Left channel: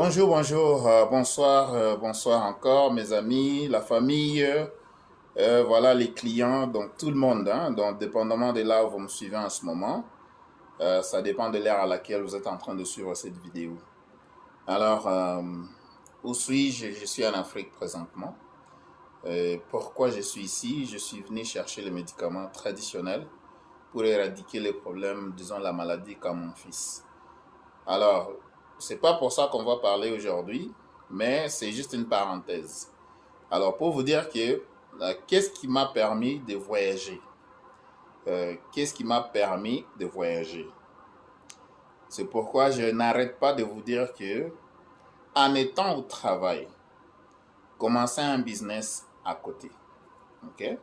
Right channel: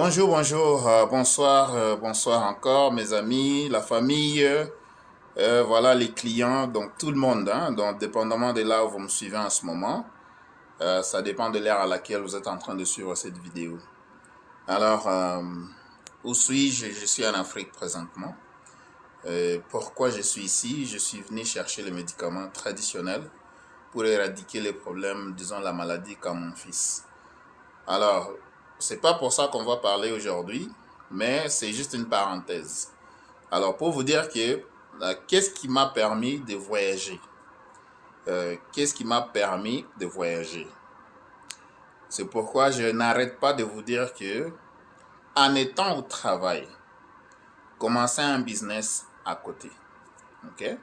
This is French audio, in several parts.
Bonjour, bonjour, bonsoir, bonsoir encore mes amis, la famille, voilà les clients, donc tout le monde, hein, donc dépendamment de là où vous me suivez en ce moment, ça dépend de l'ère à laquelle vous êtes en train de suivre cette vidéo. Alors, où suis-je? Je suis en Afrique présentement. Pourquoi je suis ici? Je suis venu chercher les médicaments traditionnels pour éradiquer les problèmes, disons la maladie comme mon fils. Alors, c'est pas pour ça qu'on va parler aujourd'hui, mais c'est juste une parenthèse. Alors, pour vous dire que qu'est-ce qui m'a permis de voyager? Qu'est-ce qui m'a permis de voyager? C'est pourquoi je n'arrête pas de vous dire que, en étant au travail, commencer un business à côté. Ok?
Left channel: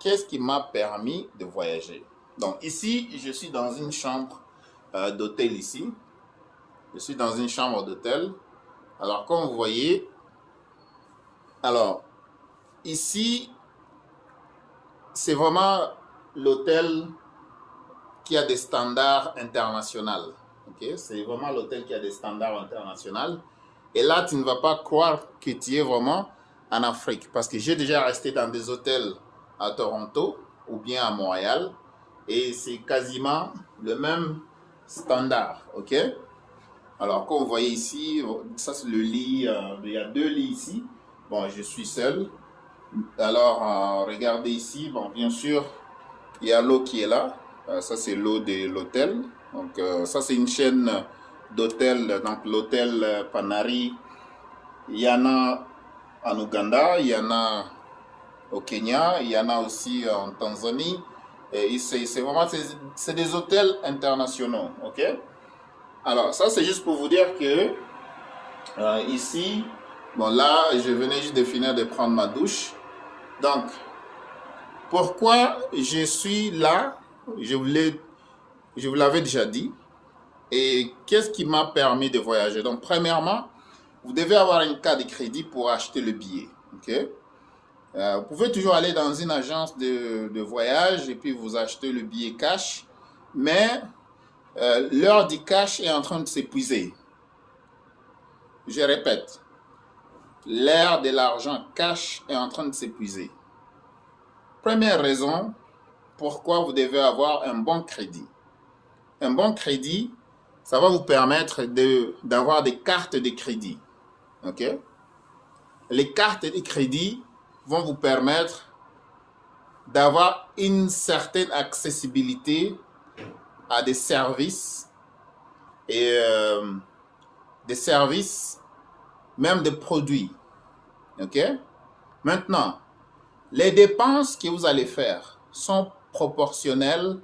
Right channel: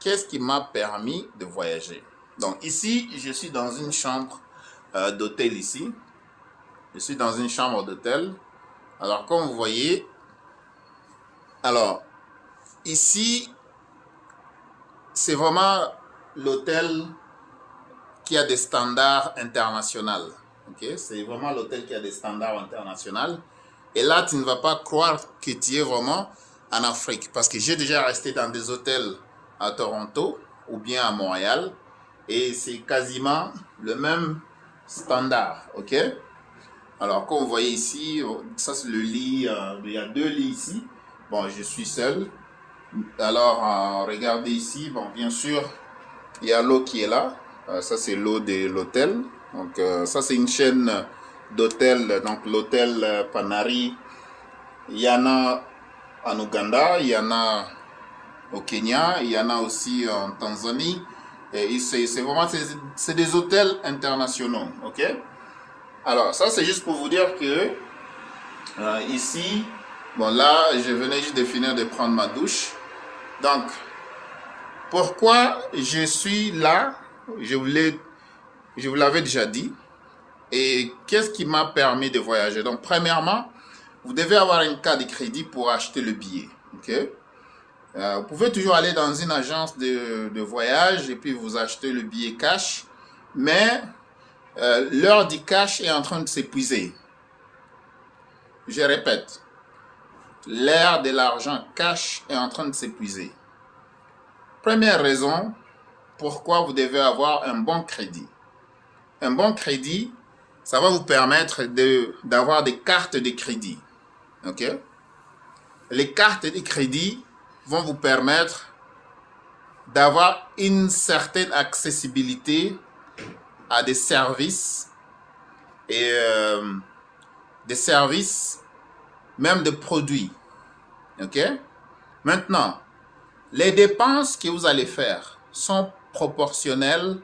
Qu'est-ce qui m'a permis de voyager? Donc, ici, je suis dans une chambre d'hôtel ici. Je suis dans une chambre d'hôtel. Alors, comme vous voyez, alors, ici, c'est vraiment l'hôtel qui a des standards internationaux. Okay? C'est vraiment l'hôtel qui a des standards internationaux. Et là, tu ne vas pas croire que tu es vraiment en Afrique. Parce que j'ai déjà resté dans des hôtels à Toronto ou bien à Montréal. Et c'est quasiment le même standard. Ok? Alors, comme vous voyez ici, ça c'est le lit. Il y a deux lits ici. Bon, je suis seul. Alors, regardez ici. Bon, bien sûr, il y a l'eau qui est là. Ça, c'est l'eau de l'hôtel. Donc, ça, c'est une chaîne d'hôtels. Donc, l'hôtel Panari. Il y en a en Ouganda, il y en a au Kenya, il y en a aussi en Tanzanie. Et c'est vraiment c'est des hôtels internationaux. OK? Alors, ça, c'est juste pour vous dire que ici, bon, là, je venais juste de finir de prendre ma douche. Donc, pourquoi je suis là? Je vous l'avais déjà dit. Et qu'est-ce qui m'a permis de voyager? Donc, premièrement, vous devez avoir une carte de crédit pour acheter le billet. Ok? Vous pouvez toujours aller dans une agence de voyage et puis vous achetez le billet cash. Mais l'heure du cash est en train de s'épuiser. Je répète, l'ère de l'argent cash est en train de s'épuiser. Première raison, pourquoi vous devez avoir un bon crédit. Un bon crédit, ça va vous permettre d'avoir des cartes de crédit. Ok? Les cartes de crédit vont vous permettre d'avoir une certaine accessibilité à et des services, même de produits. Ok? Maintenant, les dépenses que vous allez faire sont proportionnelles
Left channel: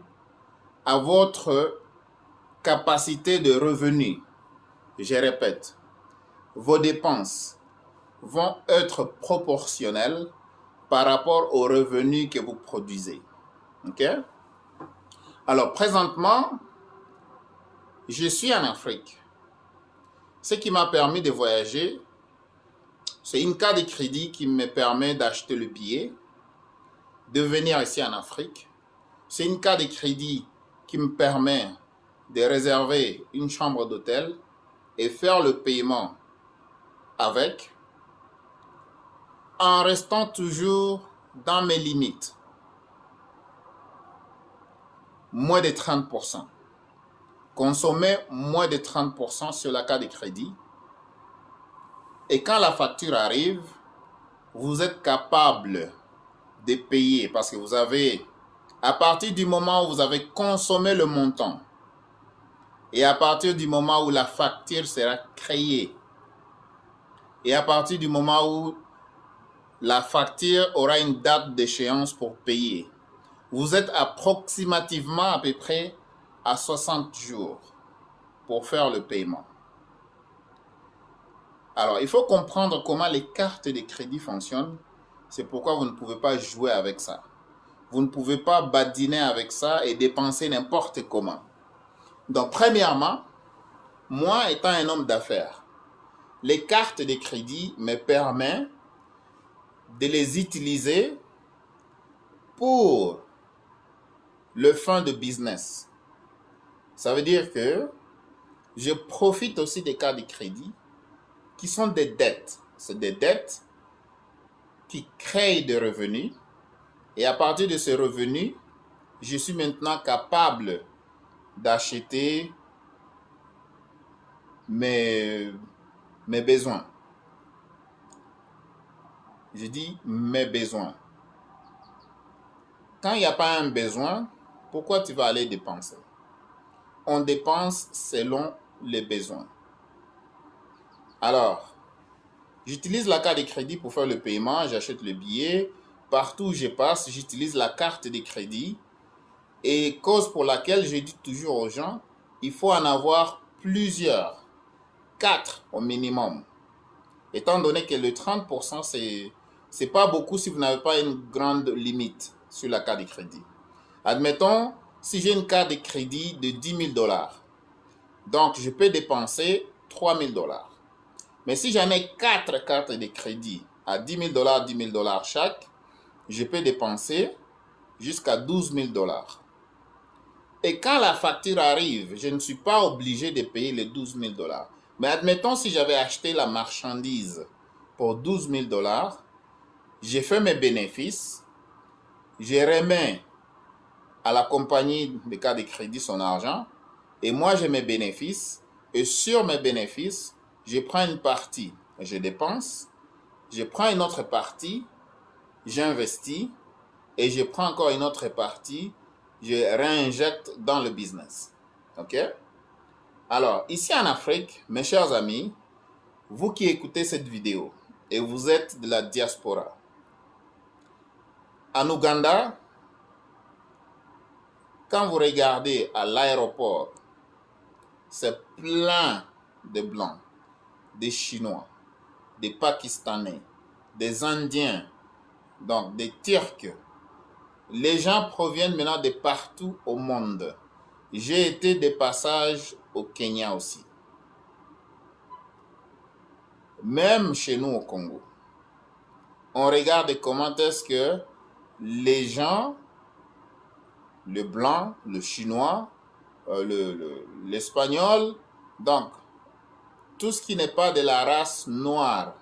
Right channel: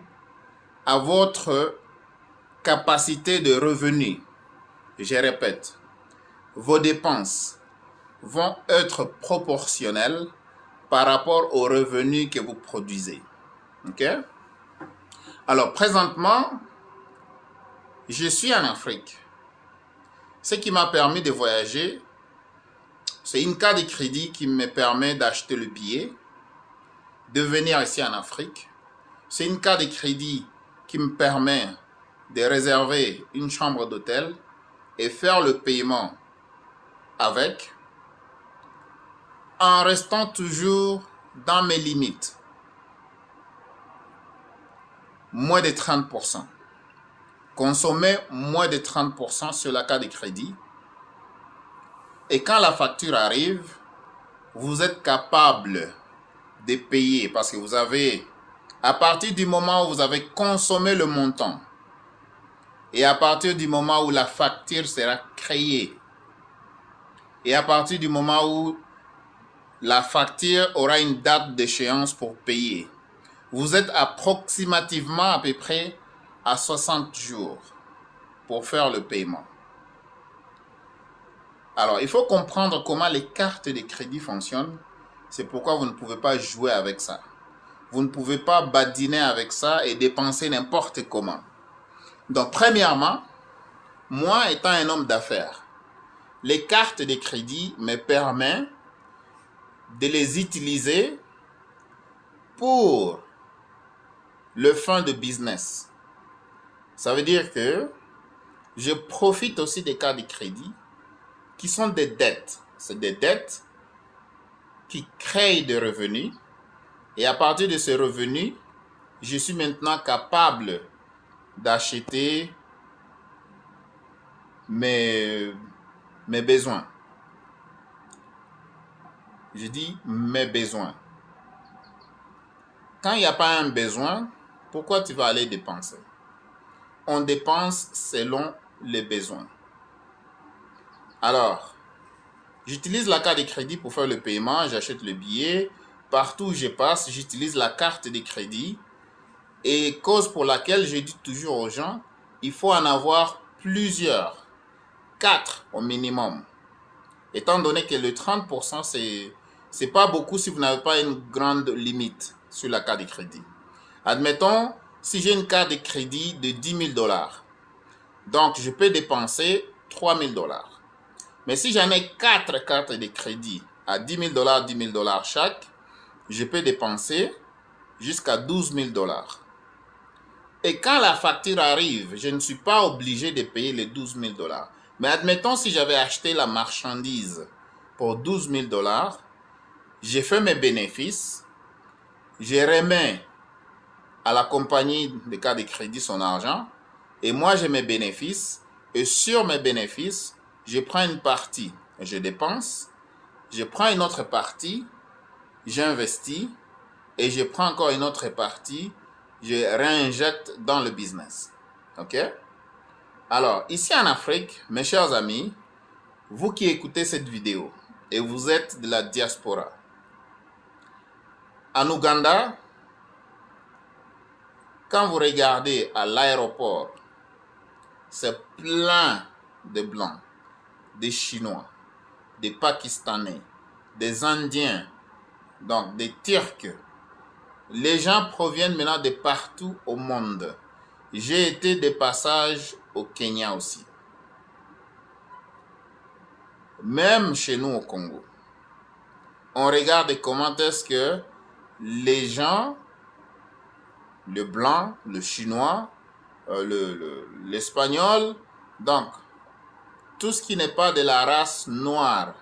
à votre capacité de revenu. Je répète, vos dépenses vont être proportionnelles par rapport aux revenus que vous produisez. Ok? Alors, présentement, je suis en Afrique. Ce qui m'a permis de voyager, c'est une carte de crédit qui me permet d'acheter le billet, de venir ici en Afrique. C'est une carte de crédit qui me permet de réserver une chambre d'hôtel et faire le paiement avec, en restant toujours dans mes limites. Moins de 30%. Consommer moins de 30% sur la carte de crédit. Et quand la facture arrive, vous êtes capable de payer parce que vous avez, à partir du moment où vous avez consommé le montant et à partir du moment où la facture sera créée et à partir du moment où la facture aura une date d'échéance pour payer, vous êtes approximativement à peu près à 60 jours pour faire le paiement. Alors, il faut comprendre comment les cartes de crédit fonctionnent. C'est pourquoi vous ne pouvez pas jouer avec ça. Vous ne pouvez pas badiner avec ça et dépenser n'importe comment. Donc, premièrement, moi étant un homme d'affaires, les cartes de crédit me permettent de les utiliser pour le fin de business. Ça veut dire que je profite aussi des cartes de crédit qui sont des dettes. C'est des dettes qui créent des revenus. Et à partir de ces revenus, je suis maintenant capable d'acheter mes besoins. Je dis mes besoins. Quand il n'y a pas un besoin, pourquoi tu vas aller dépenser? On dépense selon les besoins. Alors, j'utilise la carte de crédit pour faire le paiement, j'achète le billet. Partout où je passe, j'utilise la carte de crédit. Et cause pour laquelle je dis toujours aux gens, il faut en avoir plusieurs, 4 au minimum. Étant donné que le 30%, c'est pas beaucoup si vous n'avez pas une grande limite sur la carte de crédit. Admettons, si j'ai une carte de crédit de 10 000 $, donc je peux dépenser 3 000 $. Mais si j'en ai 4 cartes de crédit à 10 000 $, 10 000 $ chaque, je peux dépenser jusqu'à 12 000 $. Et quand la facture arrive, je ne suis pas obligé de payer les 12 000 $. Mais admettons si j'avais acheté la marchandise pour 12 000 $, j'ai fait mes bénéfices, je remets à la compagnie de cartes de crédit son argent, et moi j'ai mes bénéfices, et sur mes bénéfices, je prends une partie, je dépense, je prends une autre partie, j'investis, et je prends encore une autre partie, je réinjecte dans le business. OK? Alors, ici en Afrique, mes chers amis, vous qui écoutez cette vidéo, et vous êtes de la diaspora, en Ouganda, quand vous regardez à l'aéroport, c'est plein de Blancs, des Chinois, des Pakistanais, des Indiens, donc des Turcs. Les gens proviennent maintenant de partout au monde. J'ai été de passage au Kenya aussi. Même chez nous au Congo. On regarde comment est-ce que les gens, le blanc, le chinois, l'espagnol, donc tout ce qui n'est pas de la race noire,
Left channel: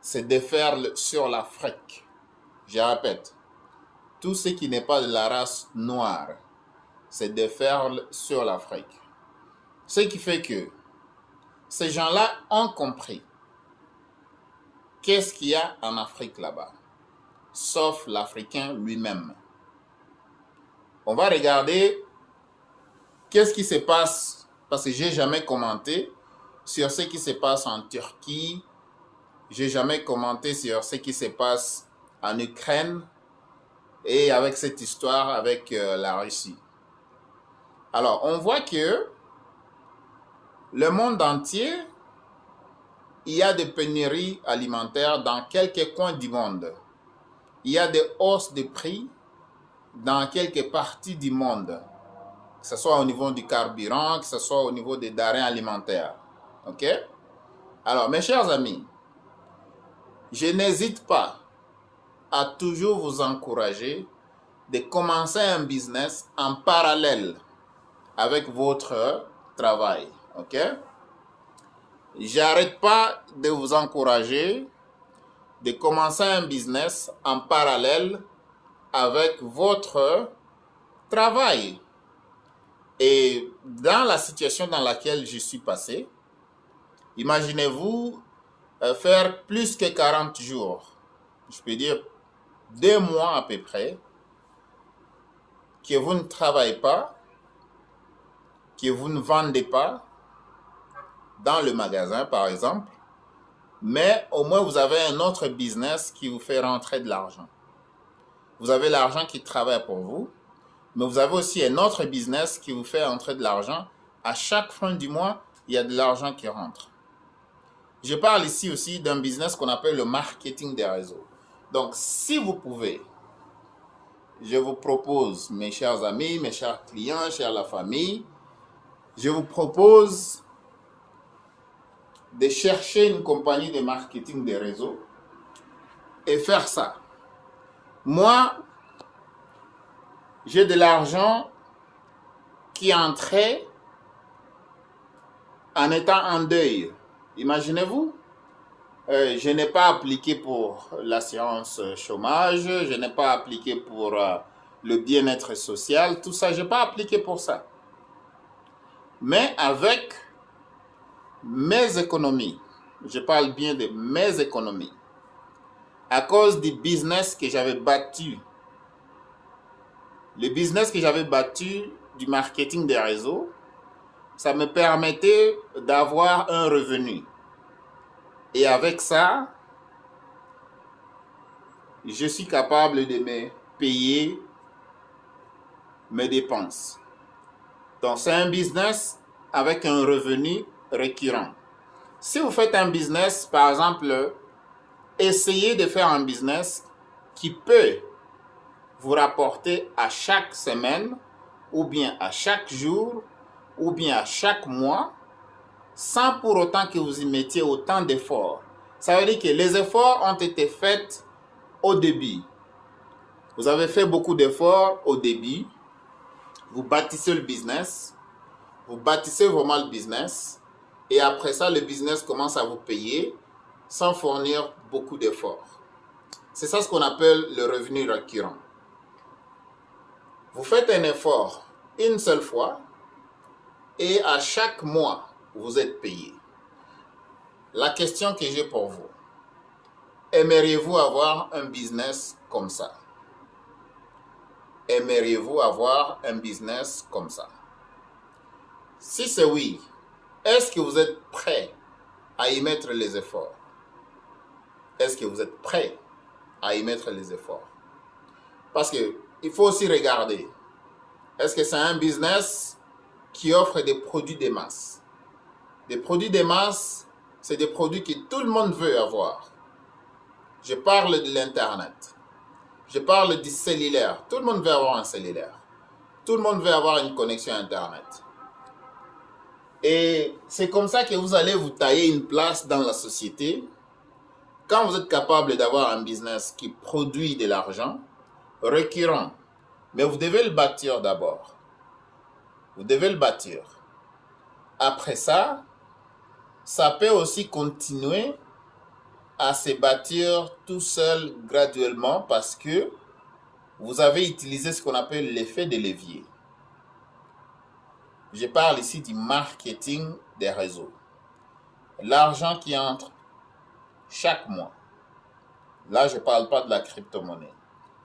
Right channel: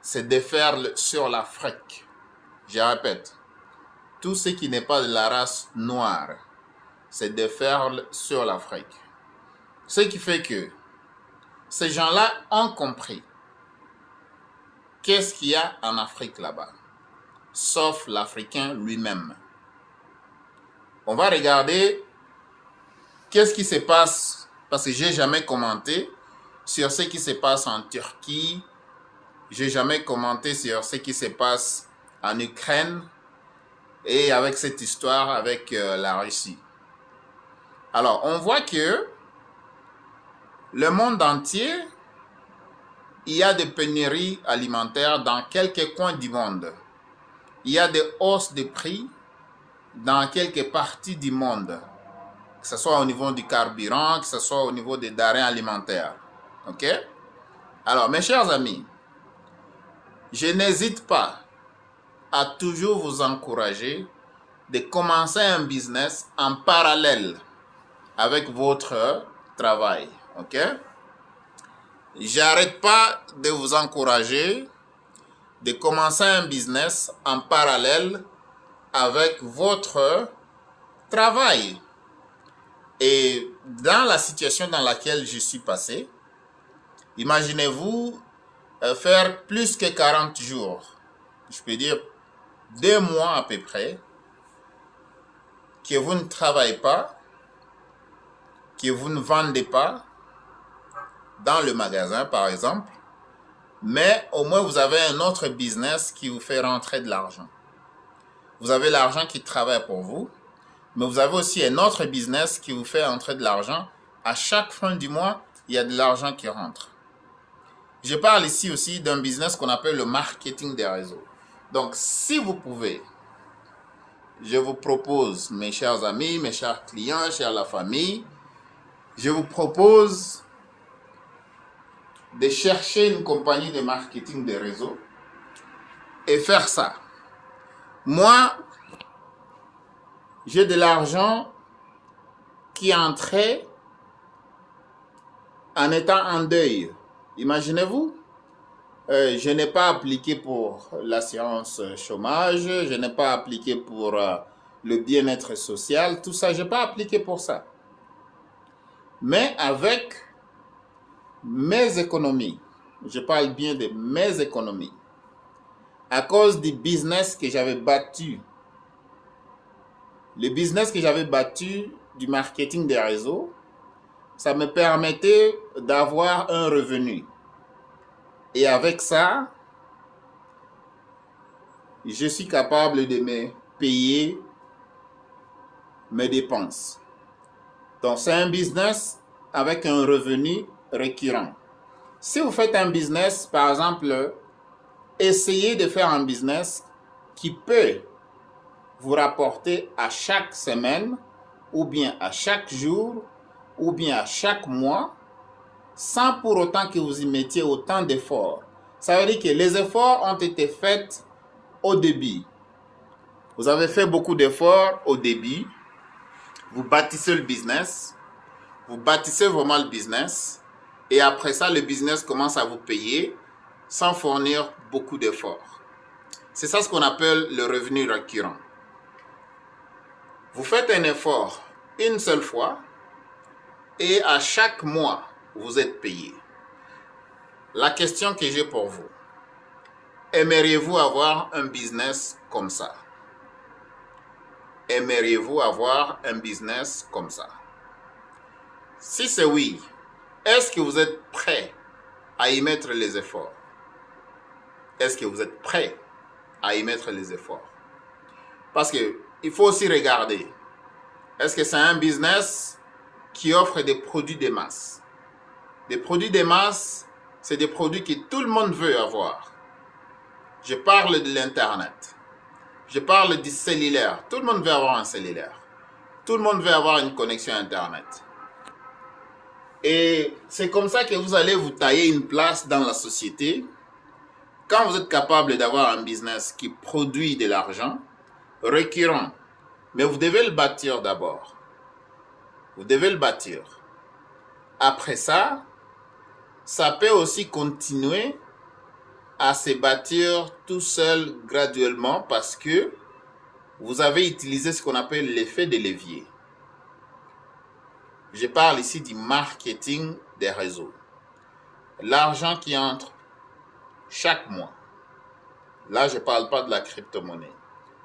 c'est déferle sur l'Afrique. Je répète, tout ce qui n'est pas de la race noire, c'est déferle sur l'Afrique. Ce qui fait que ces gens-là ont compris qu'est-ce qu'il y a en Afrique là-bas, sauf l'Africain lui-même. On va regarder qu'est-ce qui se passe, parce que je n'ai jamais commenté sur ce qui se passe en Turquie, je n'ai jamais commenté sur ce qui se passe en Ukraine et avec cette histoire avec la Russie. Alors, on voit que le monde entier, il y a des pénuries alimentaires dans quelques coins du monde. Il y a des hausses de prix dans quelques parties du monde, que ce soit au niveau du carburant, que ce soit au niveau des denrées alimentaires. OK? Alors, mes chers amis, je n'hésite pas à toujours vous encourager de commencer un business en parallèle avec votre travail. OK? J'arrête pas de vous encourager de commencer un business en parallèle avec votre travail. Et dans la situation dans laquelle je suis passé, imaginez-vous faire plus que 40 jours, je peux dire 2 mois à peu près, que vous ne travaillez pas, que vous ne vendez pas dans le magasin par exemple, mais au moins vous avez un autre business qui vous fait rentrer de l'argent. Vous avez l'argent qui travaille pour vous, mais vous avez aussi un autre business qui vous fait rentrer de l'argent. À chaque fin du mois, il y a de l'argent qui rentre. Je parle ici aussi d'un business qu'on appelle le marketing des réseaux. Donc, si vous pouvez, je vous propose, mes chers amis, mes chers clients, chers la famille, je vous propose de chercher une compagnie de marketing des réseaux et faire ça. Moi, j'ai de l'argent qui est entré en étant en deuil. Imaginez-vous, je n'ai pas appliqué pour l'assurance chômage, je n'ai pas appliqué pour le bien-être social, tout ça, je n'ai pas appliqué pour ça. Mais avec mes économies, je parle bien de mes économies, à cause du business que j'avais battu, le business que j'avais battu du marketing des réseaux, ça me permettait d'avoir un revenu. Et avec ça, je suis capable de me payer mes dépenses. Donc, c'est un business avec un revenu récurrent. Si vous faites un business, par exemple, essayez de faire un business qui peut vous rapporter à chaque semaine, ou bien à chaque jour, ou bien à chaque mois, sans pour autant que vous y mettiez autant d'efforts. Ça veut dire que les efforts ont été faits au début. Vous avez fait beaucoup d'efforts au début. Vous bâtissez le business. Vous bâtissez vraiment le business. Et après ça, le business commence à vous payer sans fournir beaucoup d'efforts. C'est ça ce qu'on appelle le revenu récurrent. Vous faites un effort une seule fois et à chaque mois, vous êtes payé. La question que j'ai pour vous, aimeriez-vous avoir un business comme ça? Aimeriez-vous avoir un business comme ça? Si c'est oui, est-ce que vous êtes prêt à y mettre les efforts? Est-ce que vous êtes prêt à y mettre les efforts? Parce qu'il faut aussi regarder, est-ce que c'est un business qui offre des produits de masse? Des produits de masse, c'est des produits que tout le monde veut avoir. Je parle de l'Internet. Je parle du cellulaire. Tout le monde veut avoir un cellulaire. Tout le monde veut avoir une connexion Internet. Et c'est comme ça que vous allez vous tailler une place dans la société. Quand vous êtes capable d'avoir un business qui produit de l'argent, récurrent, mais vous devez le bâtir d'abord. Vous devez le bâtir. Après ça, ça peut aussi continuer à se bâtir tout seul graduellement parce que vous avez utilisé ce qu'on appelle l'effet de levier. Je parle ici du marketing des réseaux. L'argent qui entre chaque mois. Là, je ne parle pas de la crypto-monnaie.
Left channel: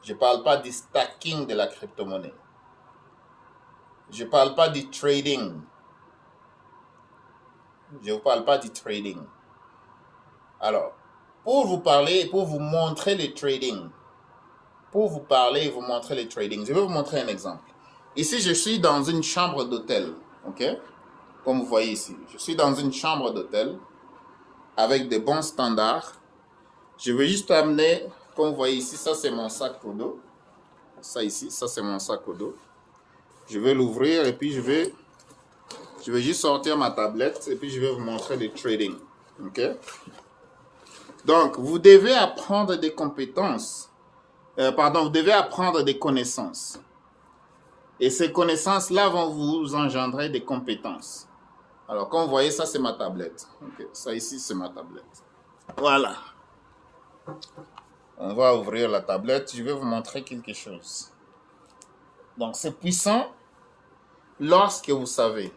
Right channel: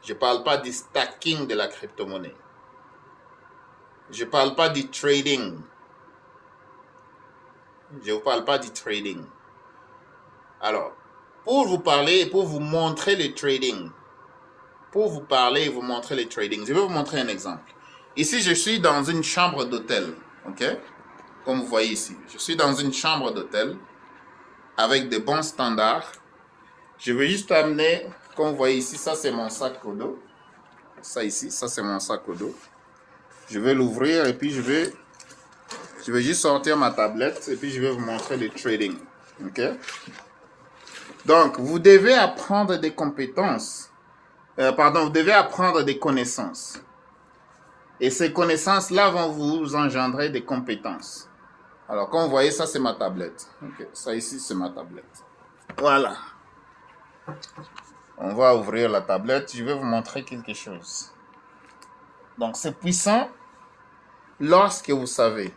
Je ne parle pas du stacking de la crypto-monnaie. Je ne parle pas du trading. Je ne vous parle pas du trading. Alors, pour vous parler et pour vous montrer le trading, je vais vous montrer un exemple. Ici, je suis dans une chambre d'hôtel, ok? Comme vous voyez ici, je suis dans une chambre d'hôtel avec de bons standards. Je vais juste amener, comme vous voyez ici, ça c'est mon sac au dos. Ça ici, ça c'est mon sac au dos. Je vais l'ouvrir et puis je vais juste sortir ma tablette et puis je vais vous montrer le trading, ok? Donc, vous devez apprendre des compétences. Vous devez apprendre des connaissances. Et ces connaissances-là vont vous engendrer des compétences. Alors, comme vous voyez, ça, c'est ma tablette. Okay. Ça, ici, c'est ma tablette. Voilà. On va ouvrir la tablette. Je vais vous montrer quelque chose. Donc, c'est puissant lorsque vous savez.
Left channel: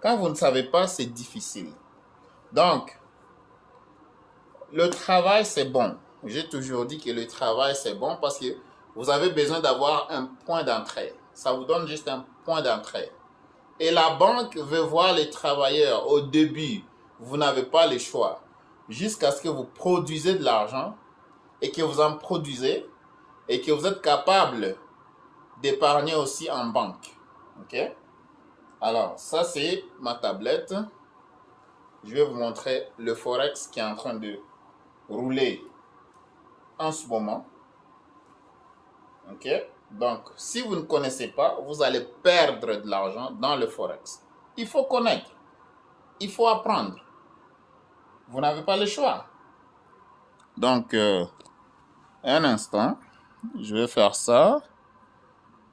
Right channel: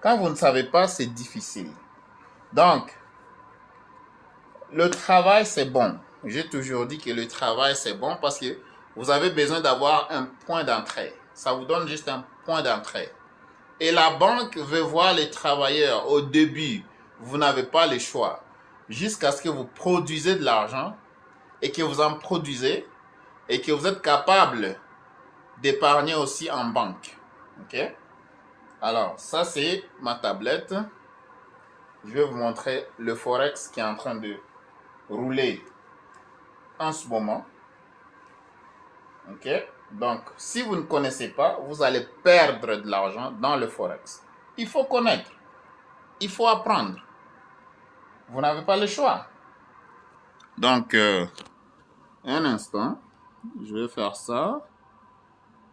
Quand vous ne savez pas, c'est difficile. Donc, le travail, c'est bon. J'ai toujours dit que le travail, c'est bon parce que vous avez besoin d'avoir un point d'entrée. Ça vous donne juste un point d'entrée. Et la banque veut voir les travailleurs au début. Vous n'avez pas le choix. Jusqu'à ce que vous produisez de l'argent et que vous en produisez et que vous êtes capable d'épargner aussi en banque. Ok? Alors, ça c'est ma tablette. Je vais vous montrer le Forex qui est en train de rouler en ce moment. Ok? Donc, si vous ne connaissez pas, vous allez perdre de l'argent dans le Forex. Il faut connaître. Il faut apprendre. Vous n'avez pas le choix. Donc, un instant. Je vais faire ça.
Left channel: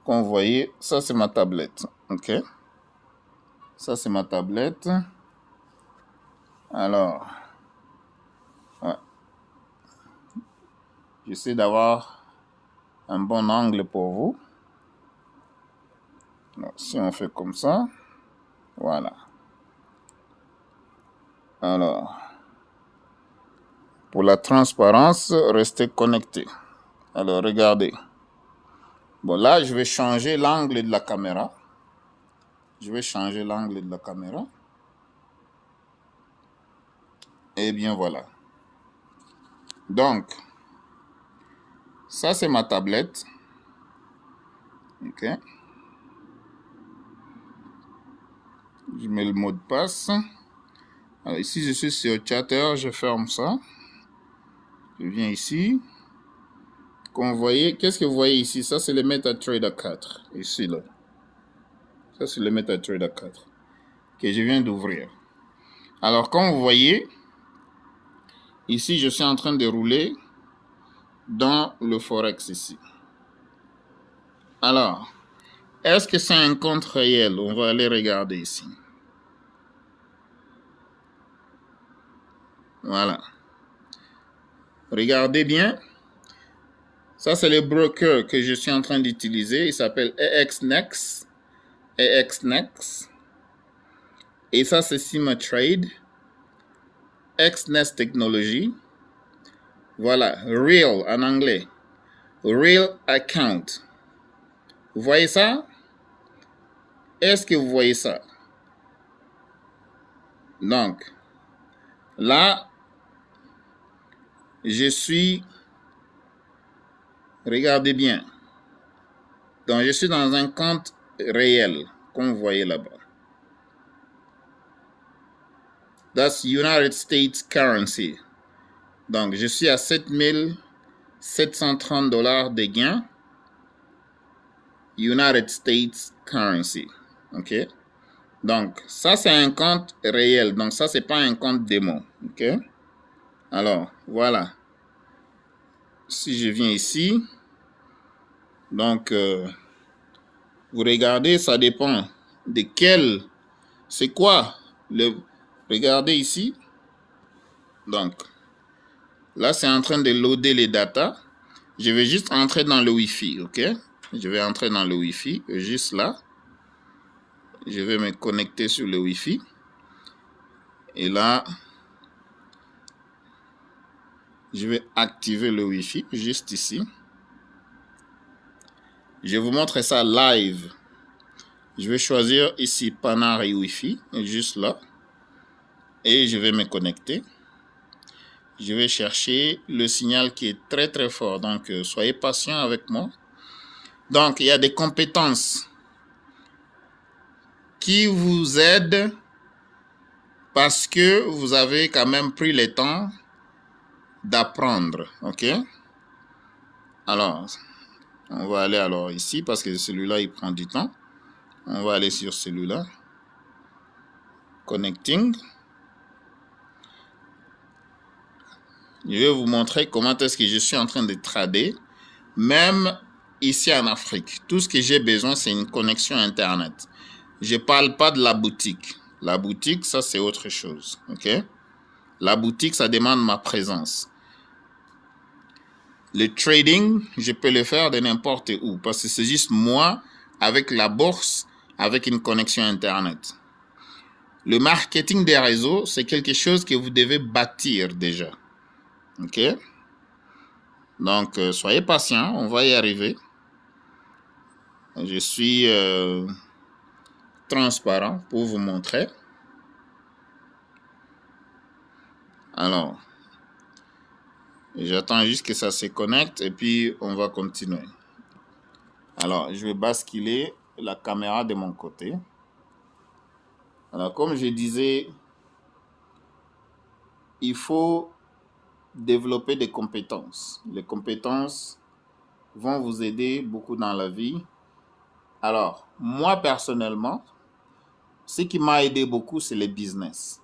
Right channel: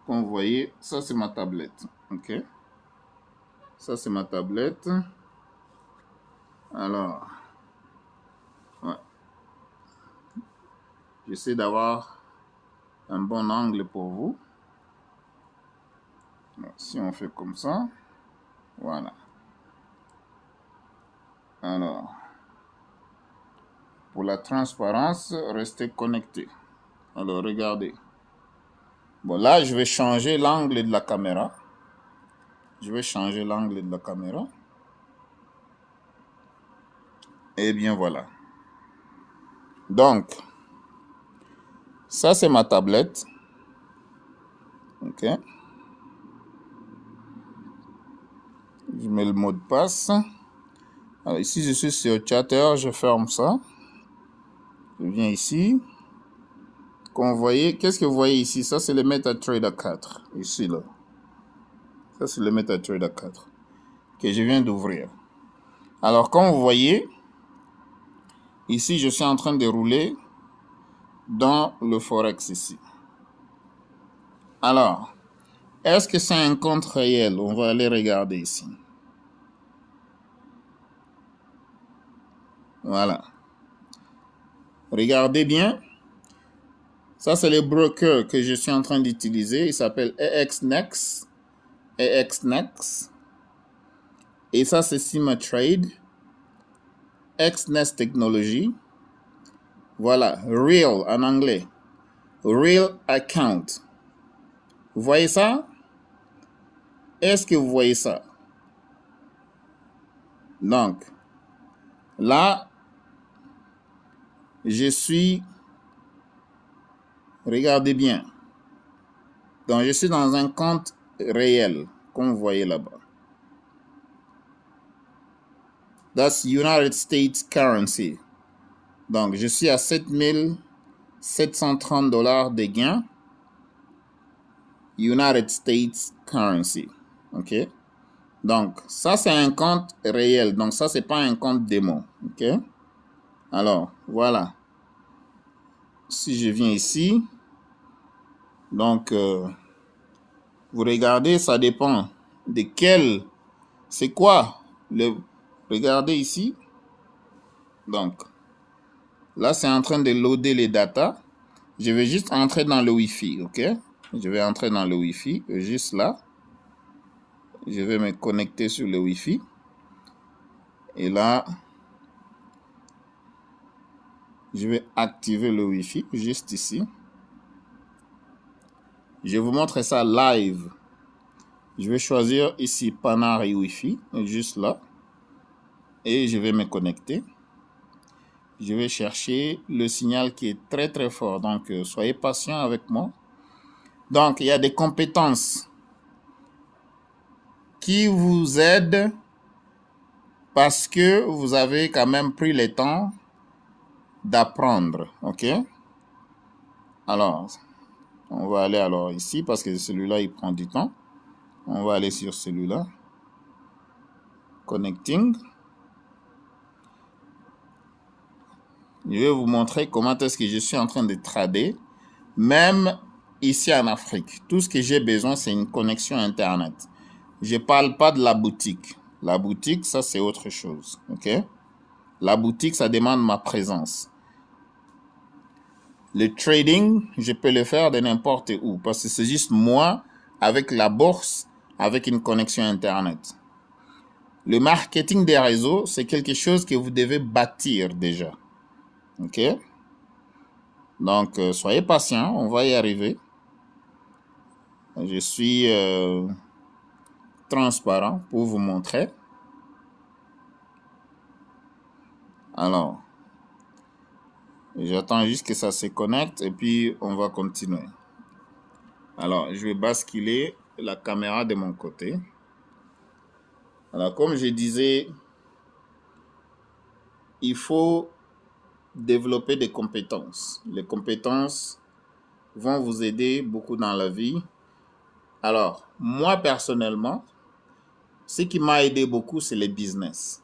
Comme vous voyez, ça c'est ma tablette. Ok? Ça c'est ma tablette. Alors, ouais, j'essaie d'avoir un bon angle pour vous. Alors, si on fait comme ça, voilà. Alors, pour la transparence, restez connectés. Alors, regardez. Bon, là, je vais changer l'angle de la caméra. Je vais changer l'angle de la caméra. Et bien, voilà. Donc, ça, c'est ma tablette. OK. Je mets le mot de passe. Alors, ici, je suis sur Chatter. Je ferme ça. Je viens ici. Comme vous voyez, qu'est-ce que vous voyez ici? Ça, c'est le MetaTrader 4. Ici, là. Ça, c'est le MetaTrader 4 que je viens d'ouvrir. Alors, comme vous voyez, ici, je suis en train de rouler dans le Forex ici. Alors, est-ce que c'est un compte réel? On va aller regarder ici. Voilà. Regardez bien. Ça, c'est le broker que je suis en train d'utiliser. Il s'appelle EXNext. EXNext. Et ça, c'est Simatrade. XNext Technology. Voilà. Real en anglais. Real Account. Vous voyez ça? Est-ce que vous voyez ça? Donc, là, je suis... Regardez bien. Donc, je suis dans un compte réel, comme vous voyez là-bas. That's United States currency. Donc, je suis à 7 730 $ de gains. United States currency. OK? Donc, ça, c'est un compte réel. Donc, ça, c'est pas un compte démo. OK? Alors, voilà. Si je viens ici, donc, vous regardez, ça dépend de quel... C'est quoi le... Regardez ici. Donc, là, c'est en train de loader les datas. Je vais juste entrer dans le Wi-Fi, OK? Je vais entrer dans le Wi-Fi, juste là. Je vais me connecter sur le Wi-Fi. Et là, je vais activer le Wi-Fi, juste ici. Je vais vous montrer ça live. Je vais choisir ici Panari Wi-Fi, juste là. Et je vais me connecter. Je vais chercher le signal qui est très très fort. Donc, soyez patient avec moi. Donc, il y a des compétences qui vous aident parce que vous avez quand même pris le temps d'apprendre. OK? Alors, on va aller alors ici parce que celui-là, il prend du temps. On va aller sur celui-là. Connecting. Je vais vous montrer comment est-ce que je suis en train de trader, même ici en Afrique. Tout ce que j'ai besoin, c'est une connexion Internet. Je ne parle pas de la boutique. La boutique, ça, c'est autre chose. OK? La boutique, ça demande ma présence. Le trading, je peux le faire de n'importe où parce que c'est juste moi avec la bourse, avec une connexion Internet. Le marketing des réseaux, c'est quelque chose que vous devez bâtir déjà. OK? Donc, soyez patient, on va y arriver. Je suis transparent pour vous montrer. Alors, j'attends juste que ça se connecte et puis on va continuer. Alors, je vais basculer la caméra de mon côté. Alors, comme je disais, il faut développer des compétences. Les compétences vont vous aider beaucoup dans la vie. Alors, moi personnellement, ce qui m'a aidé beaucoup, c'est le business.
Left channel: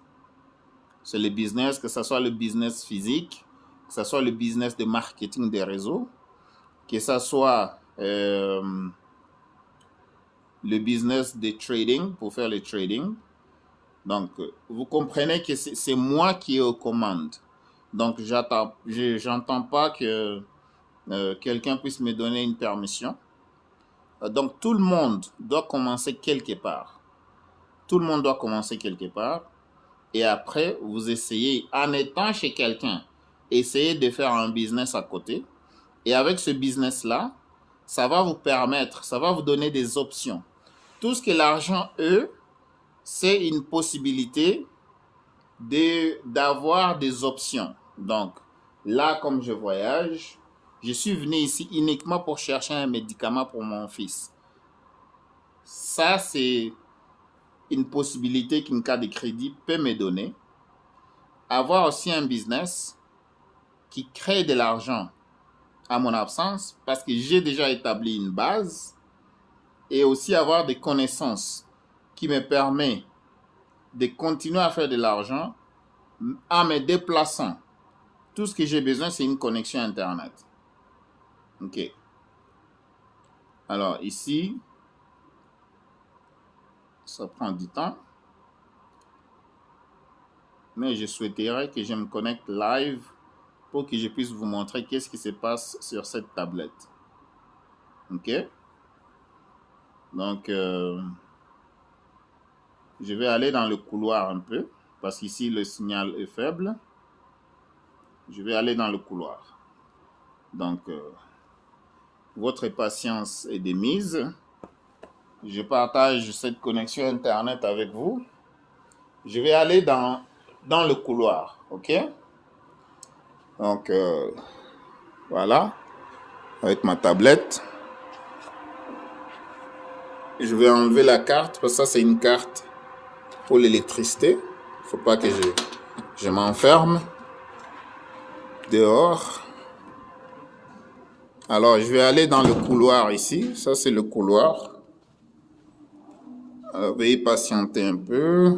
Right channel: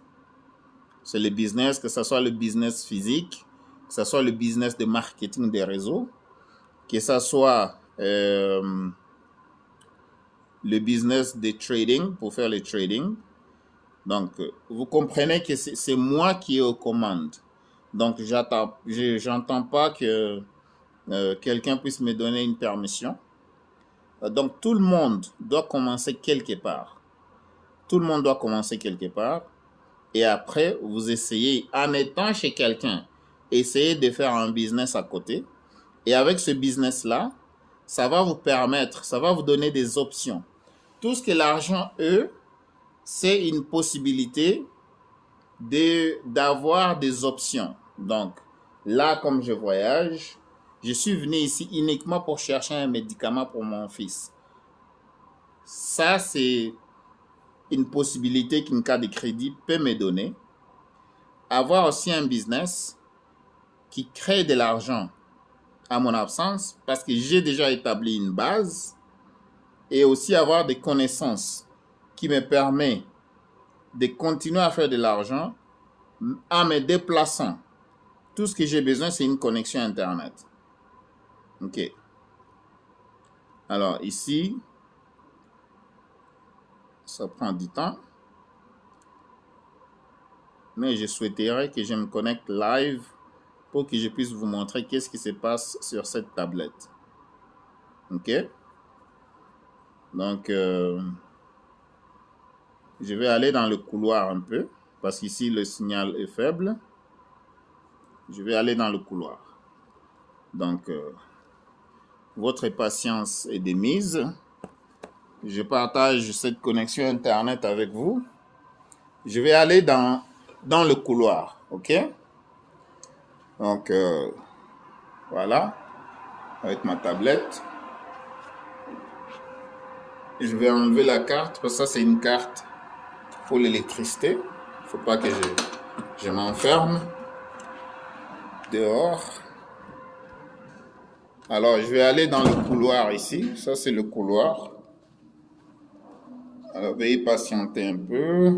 C'est le business, que ce soit le business physique, que ce soit le business de marketing des réseaux, que ce soit le business de trading, pour faire le trading, Donc, vous comprenez que c'est moi qui ai aux commandes. Donc, j'entends pas que quelqu'un puisse me donner une permission. Donc, tout le monde doit commencer quelque part. Tout le monde doit commencer quelque part. Et après, vous essayez, en étant chez quelqu'un, essayez de faire un business à côté. Et avec ce business-là, ça va vous permettre, ça va vous donner des options. Tout ce que l'argent, c'est une possibilité d'avoir des options. Donc, là, comme je voyage, je suis venu ici uniquement pour chercher un médicament pour mon fils. Ça, c'est une possibilité qu'une carte de crédit peut me donner. Avoir aussi un business qui crée de l'argent à mon absence parce que j'ai déjà établi une base et aussi avoir des connaissances qui me permettent de continuer à faire de l'argent en me déplaçant. Tout ce que j'ai besoin, c'est une connexion Internet. OK. Alors ici, ça prend du temps. Mais je souhaiterais que je me connecte live pour que je puisse vous montrer qu'est-ce qui se passe sur cette tablette. OK? Donc, je vais aller dans le couloir un peu, parce qu'ici, le signal est faible. Je vais aller dans le couloir. Donc, votre patience est de mise. Je partage cette connexion Internet avec vous. Je vais aller dans le couloir, OK? Donc, voilà, avec ma tablette. Je vais enlever la carte, parce que ça, c'est une carte pour l'électricité. Il ne faut pas que je m'enferme dehors. Alors, je vais aller dans le couloir ici. Ça, c'est le couloir. Alors, veuillez patienter un peu.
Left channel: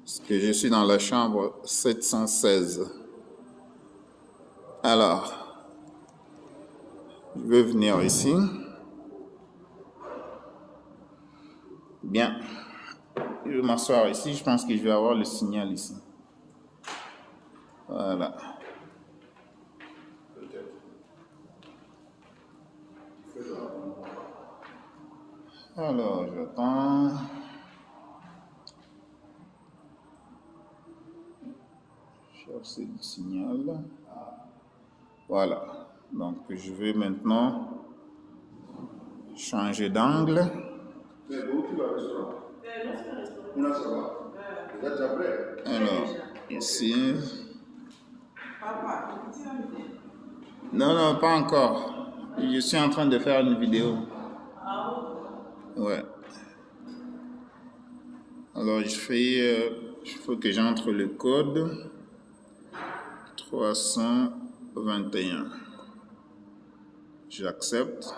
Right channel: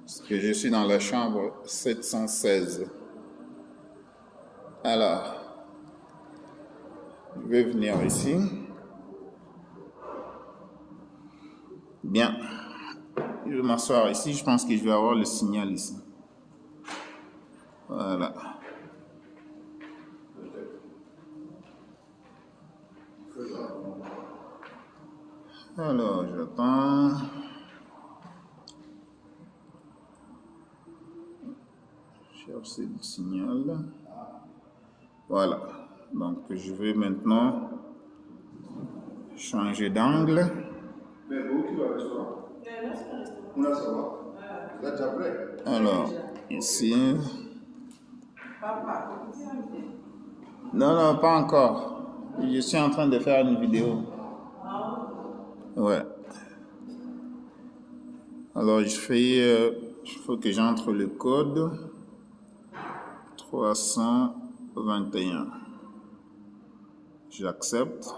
Parce que je suis dans la chambre 716. Alors, je vais venir ici. Bien. Je vais m'asseoir ici. Je pense que je vais avoir le signal ici. Voilà. Alors, j'attends. Chercher le signal. Voilà. Donc, je vais maintenant changer d'angle. Alors, ici. Non, non, pas encore. Je suis en train de faire une vidéo. Ouais. Alors, il faut que j'entre le code 321. J'accepte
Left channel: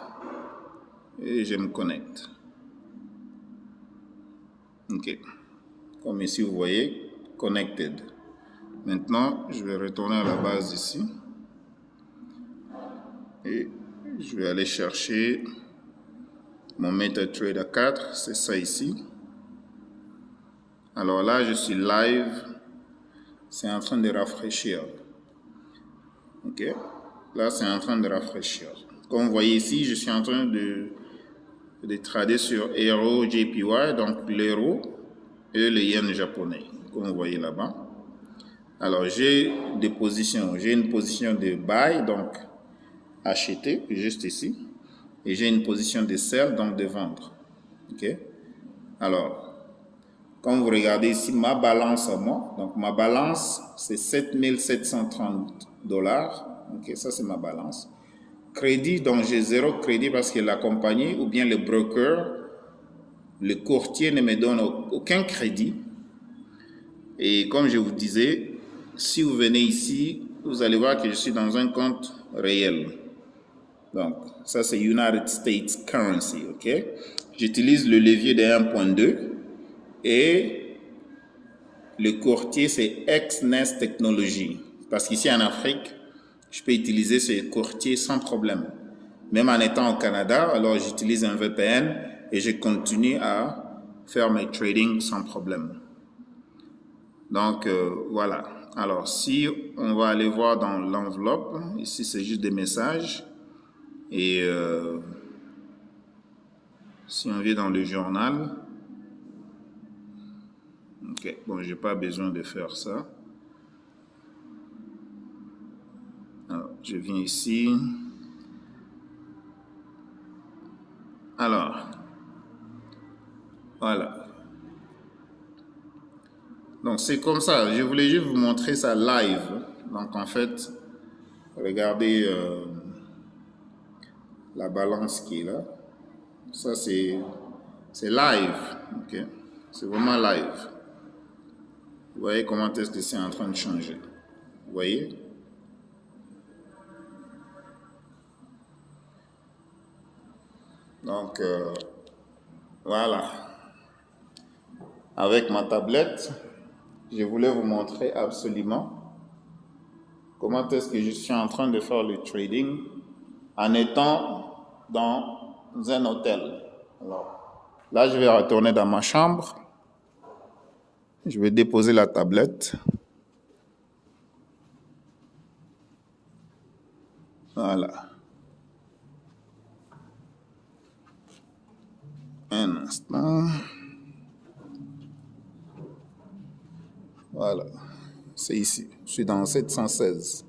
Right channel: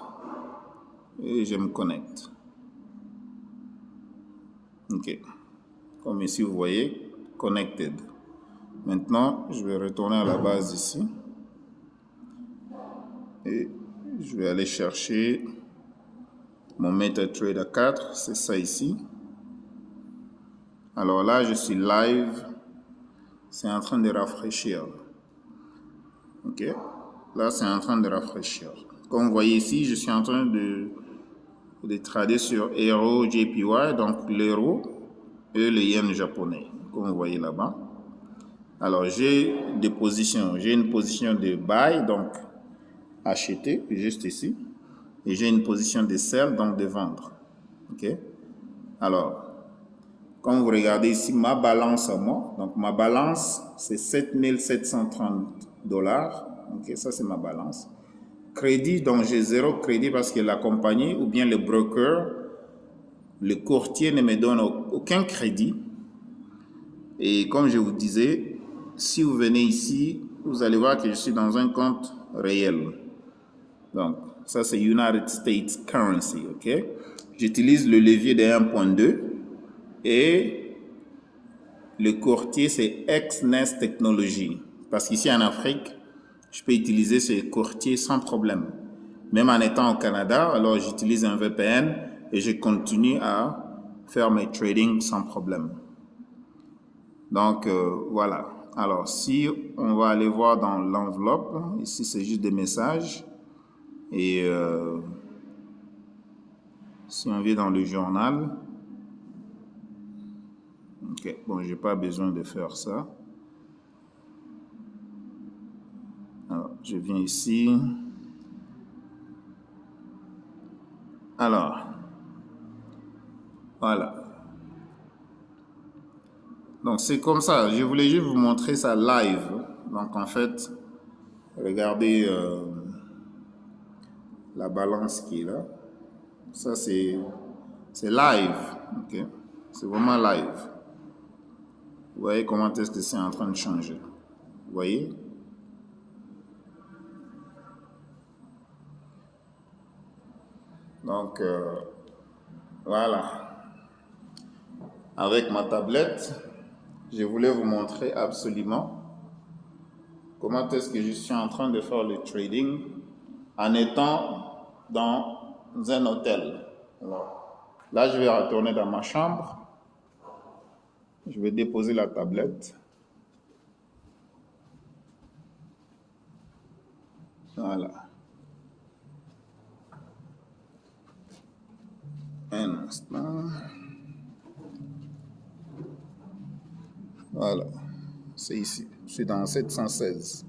et je me connecte. OK. Comme ici, vous voyez, connected. Maintenant, je vais retourner à la base ici. Et je vais aller chercher mon MetaTrader 4. C'est ça ici. Alors là, je suis live. C'est en train de rafraîchir. OK. Là, c'est en train de rafraîchir. Comme vous voyez ici, je suis en train de trader sur Euro JPY, donc l'euro et le yen japonais, comme vous voyez là-bas. Alors, j'ai des positions. J'ai une position de buy, donc acheter, juste ici. Et j'ai une position de sell, donc de vendre. OK? Alors, comme vous regardez ici, ma balance à moi, donc ma balance, c'est 7 730 $. OK, ça c'est ma balance. Crédit, donc j'ai 0 crédit parce que la compagnie ou bien le broker, le courtier ne me donne aucun crédit. Et comme je vous disais, si vous venez ici, vous allez voir que je suis dans un compte réel. Donc, ça c'est United States Currency, OK? J'utilise le levier de 1.2 et le courtier c'est XNES Technology. Parce qu'ici en Afrique, je peux utiliser ce courtier sans problème. Même en étant au Canada, alors j'utilise un VPN et je continue à faire mes trading sans problème. Donc, voilà. Alors, si on va aller voir dans l'enveloppe, ici, c'est juste des messages. Et si on vient dans le journal, ok, bon, j'ai pas besoin de faire ça. Alors, je viens ici. Alors, voilà. Donc, c'est comme ça. Je voulais juste vous montrer ça live. Donc, en fait, regardez la balance qui est là. Ça, c'est live. Ok? C'est vraiment live. Vous voyez comment est-ce que c'est en train de changer. Vous voyez? Donc, voilà. Avec ma tablette, je voulais vous montrer absolument comment est-ce que je suis en train de faire le trading en étant dans un hôtel. Là, je vais retourner dans ma chambre. Je vais déposer la tablette. Voilà. Un instant. Voilà. C'est ici. Je suis dans 716.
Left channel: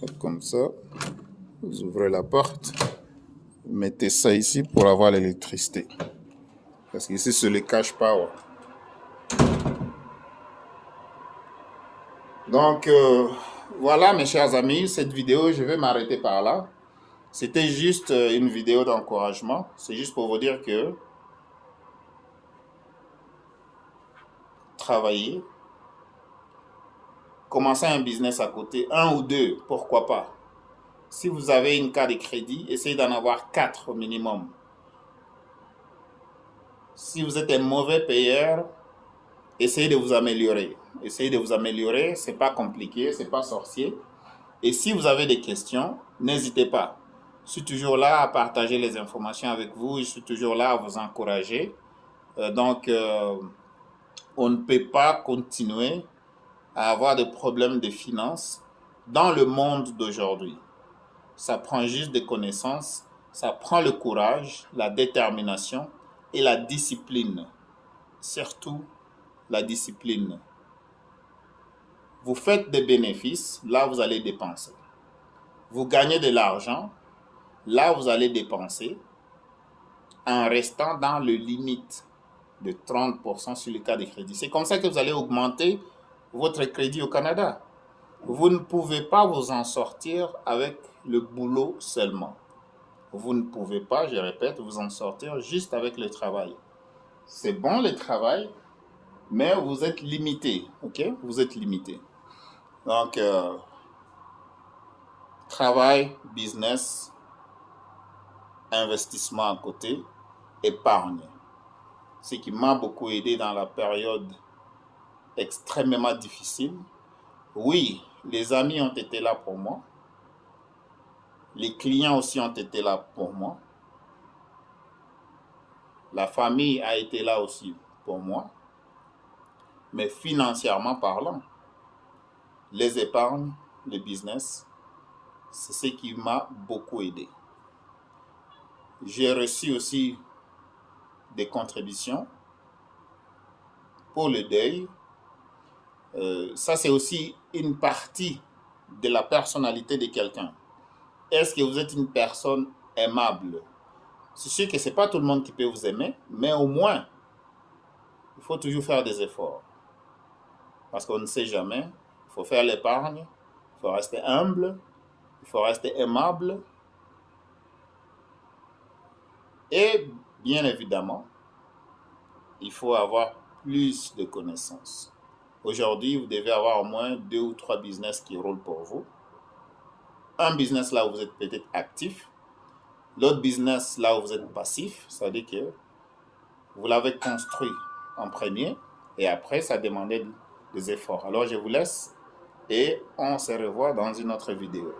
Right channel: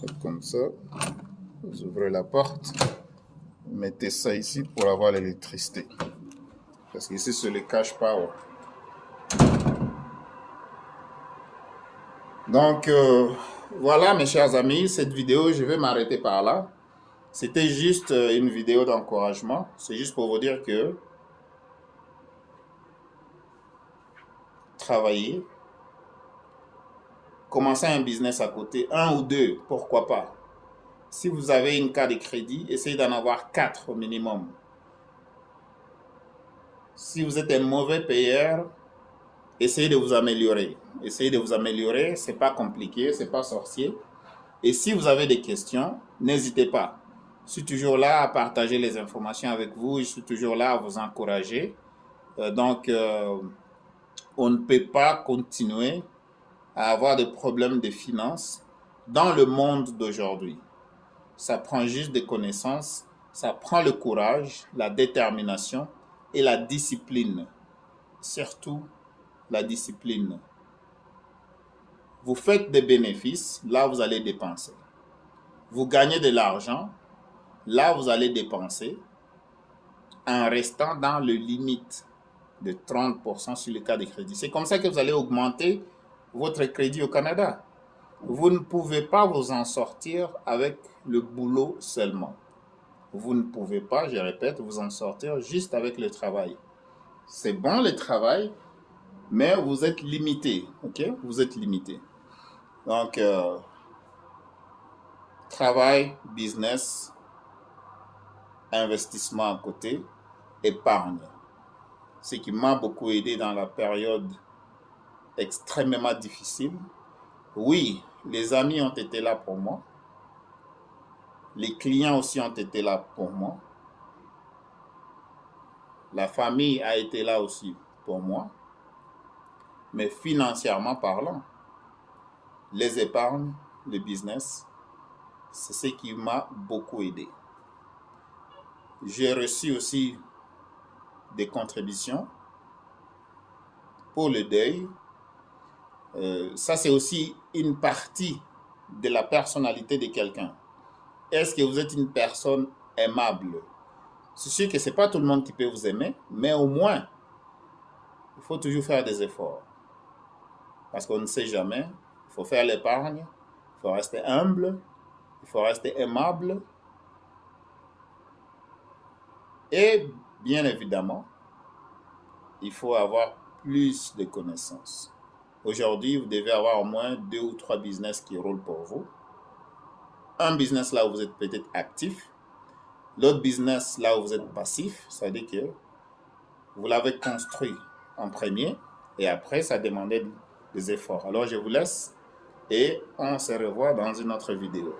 Faites comme ça. Vous ouvrez la porte. Vous mettez ça ici pour avoir l'électricité. Parce qu'ici, c'est le cash power. Donc, voilà mes chers amis, cette vidéo, je vais m'arrêter par là. C'était juste une vidéo d'encouragement. C'est juste pour vous dire que travailler, commencer un business à côté, un ou deux, pourquoi pas. Si vous avez une carte de crédit, essayez d'en avoir 4 au minimum. Si vous êtes un mauvais payeur, essayez de vous améliorer. Essayez de vous améliorer, c'est pas compliqué, c'est pas sorcier. Et si vous avez des questions, n'hésitez pas. Je suis toujours là à partager les informations avec vous, je suis toujours là à vous encourager. Donc, on ne peut pas continuer à avoir des problèmes de finances dans le monde d'aujourd'hui. Ça prend juste des connaissances, ça prend le courage, la détermination et la discipline. Surtout la discipline. Vous faites des bénéfices, là vous allez dépenser. Vous gagnez de l'argent, là vous allez dépenser en restant dans le limite de 30% sur le cas de crédit. C'est comme ça que vous allez augmenter votre crédit au Canada. Vous ne pouvez pas vous en sortir avec le boulot seulement. Vous ne pouvez pas, je répète, vous en sortir juste avec le travail. C'est bon le travail, mais vous êtes limité, ok? Vous êtes limité. Donc, travail, business, investissement à côté, épargne. Ce qui m'a beaucoup aidé dans la période extrêmement difficile. Oui, les amis ont été là pour moi. Les clients aussi ont été là pour moi. La famille a été là aussi pour moi. Mais financièrement parlant, les épargnes, le business, c'est ce qui m'a beaucoup aidé. J'ai reçu aussi des contributions pour le deuil. Ça, c'est aussi une partie de la personnalité de quelqu'un. Est-ce que vous êtes une personne aimable? C'est sûr que ce n'est pas tout le monde qui peut vous aimer, mais au moins, il faut toujours faire des efforts. Parce qu'on ne sait jamais. Il faut faire l'épargne, il faut rester humble, il faut rester aimable. Et bien évidemment, il faut avoir plus de connaissances. Aujourd'hui, vous devez avoir au moins 2 ou 3 business qui roulent pour vous. Un business là où vous êtes peut-être actif. L'autre business là où vous êtes passif, c'est-à-dire que vous l'avez construit en premier et après, ça demandait des efforts. Alors, je vous laisse et on se revoit dans une autre vidéo.